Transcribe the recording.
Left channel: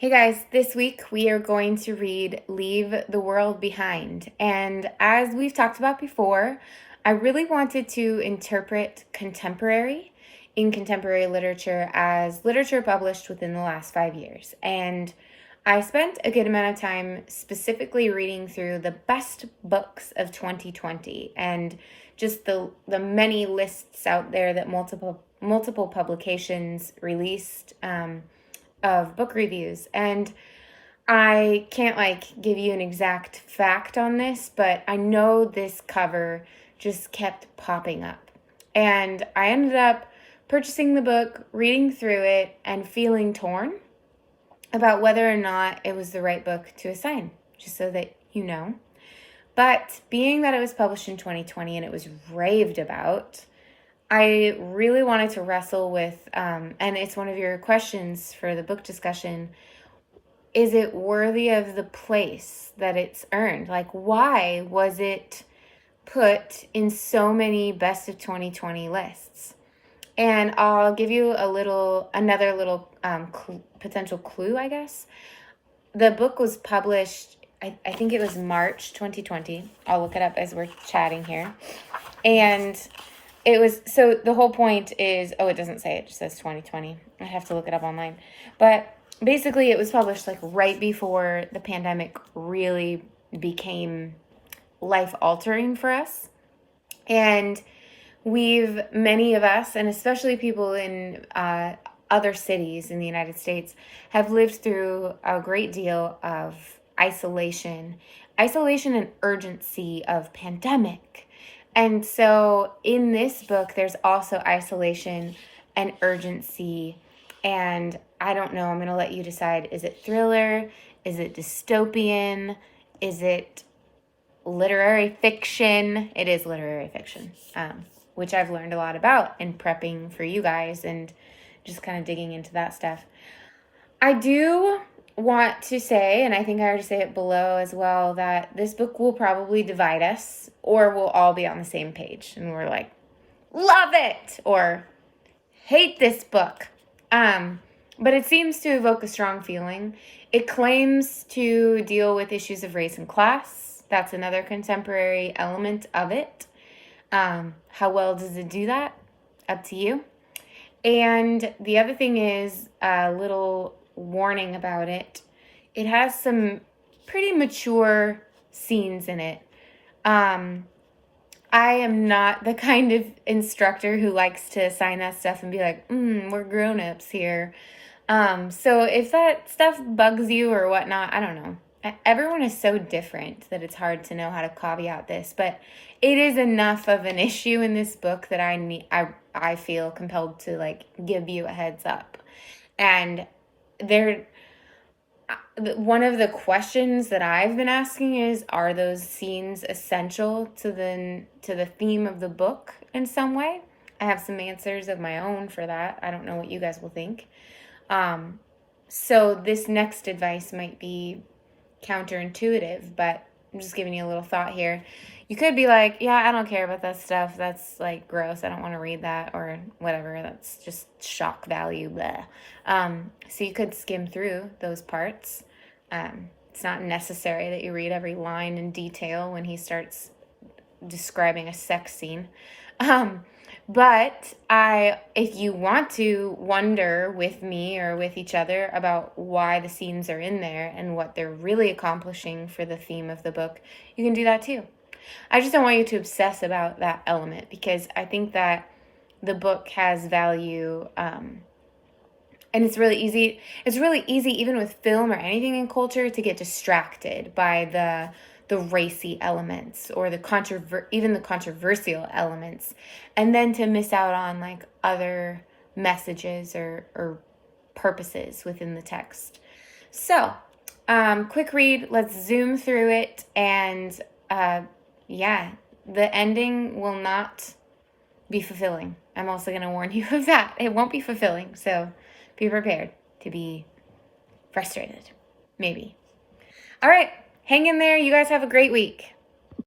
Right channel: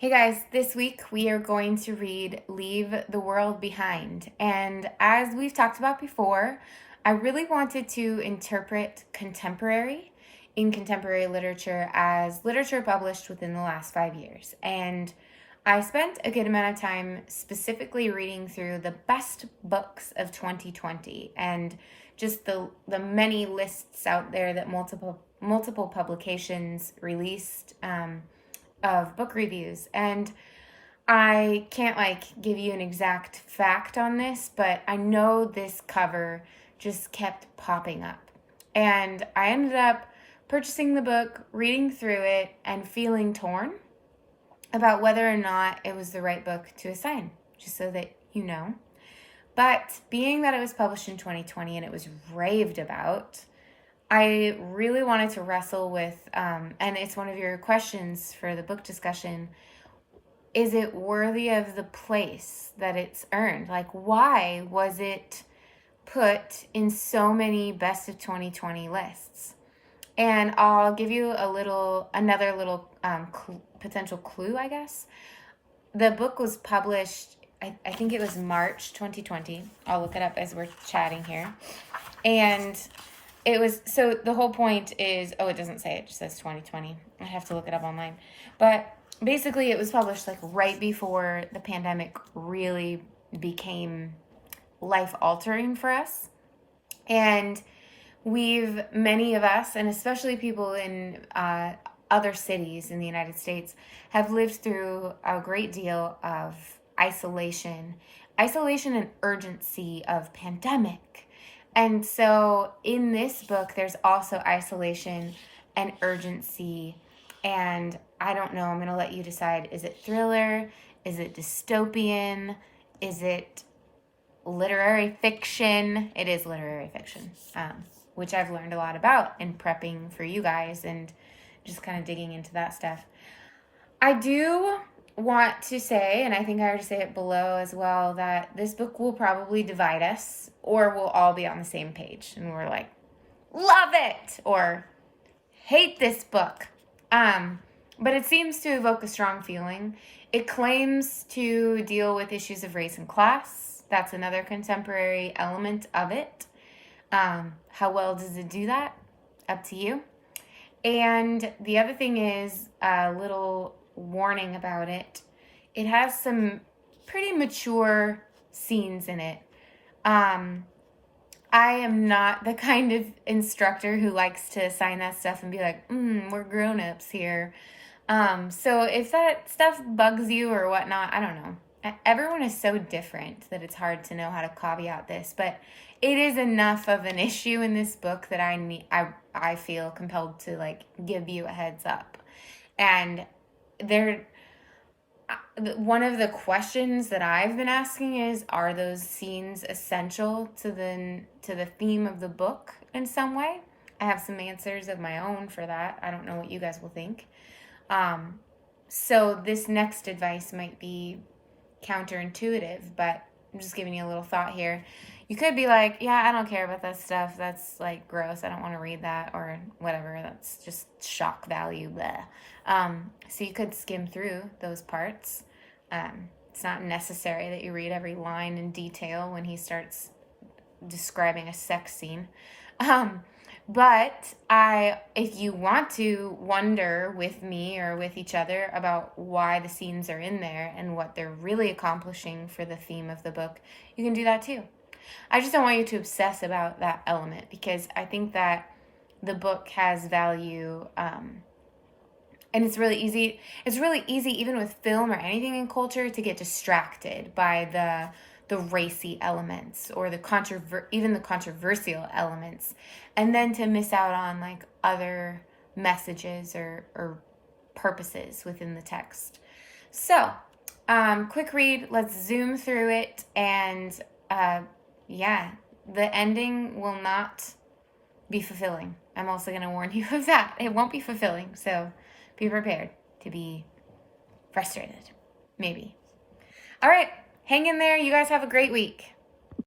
Hey guys, this week we are going to read Leave the World Behind. And as we've talked about before, I really wanted to interpret contemporary in contemporary literature as literature published within the last 5 years. And I spent a good amount of time specifically reading through the best books of 2020 and just the many lists out there that multiple publications released of book reviews. And I can't give you an exact fact on this, but I know this cover just kept popping up. And I ended up purchasing the book, reading through it, and feeling torn about whether or not it was the right book to assign, just so that you know. But being that it was published in 2020 and it was raved about, I really wanted to wrestle with, and it's one of your questions for the book discussion, is it worthy of the place that it's earned? Why was it put in so many best of 2020 lists? And I'll give you another little potential clue, I guess. The book was published, I think it was March 2020. I'll look it up as we're chatting here. And it was, so the whole point is, it doesn't say, it just says 2020. I have to look it up online. But basically it was published right before the pandemic really became life-altering for us. And many of us, and especially people in other cities in the United States, have lived through a great deal of isolation and urgency of pandemic. And so in this book, there's also isolation and urgency. And I don't know, I'm going to let you decide. Is it thriller? Is it dystopian? Is it literary fiction? It is literary fiction, which I've learned a lot about in prepping for you guys and just kind of digging into that stuff. I do want to say, and I think I already say it below as well, that this book will probably divide us, or we'll all be on the same page and we're like, love it, or hate this book. But it seems to evoke a strong feeling. It claims to deal with issues of race and class. That's another contemporary element of it. How well does it do that? Up to you. And the other thing is a little warning about it. It has some pretty mature scenes in it. I am not the kind of instructor who likes to assign that stuff and be like, we're grown-ups here. So if that stuff bugs you or whatnot, I don't know. Everyone is so different that it's hard to know how to caveat this, but it is enough of an issue in this book that I feel compelled to give you a heads up. And one of the questions that I've been asking is, are those scenes essential to the theme of the book in some way? I have some answers of my own for that. I don't know what you guys will think. So this next advice might be counterintuitive, but I'm just giving you a little thought here. You could be like, yeah, I don't care about that stuff. That's gross. I don't want to read that, or whatever. That's just shock value. Blah. So you could skim through those parts. It's not necessary that you read every line in detail when he starts describing a sex scene. But if you want to wonder with me or with each other about why the scenes are in there and what they're really accomplishing for the theme of the book, you can do that too. I just don't want you to obsess about that element, because I think that the book has value, and it's really easy. It's really easy, even with film or anything in culture, to get distracted by the racy elements or even the controversial elements, and then to miss out on other messages or purposes within the text. So, quick read. Let's zoom through it, and the ending will not be fulfilling. I'm also going to warn you of that. It won't be fulfilling, so be prepared to be frustrated, maybe. All right, hang in there. You guys have a great week.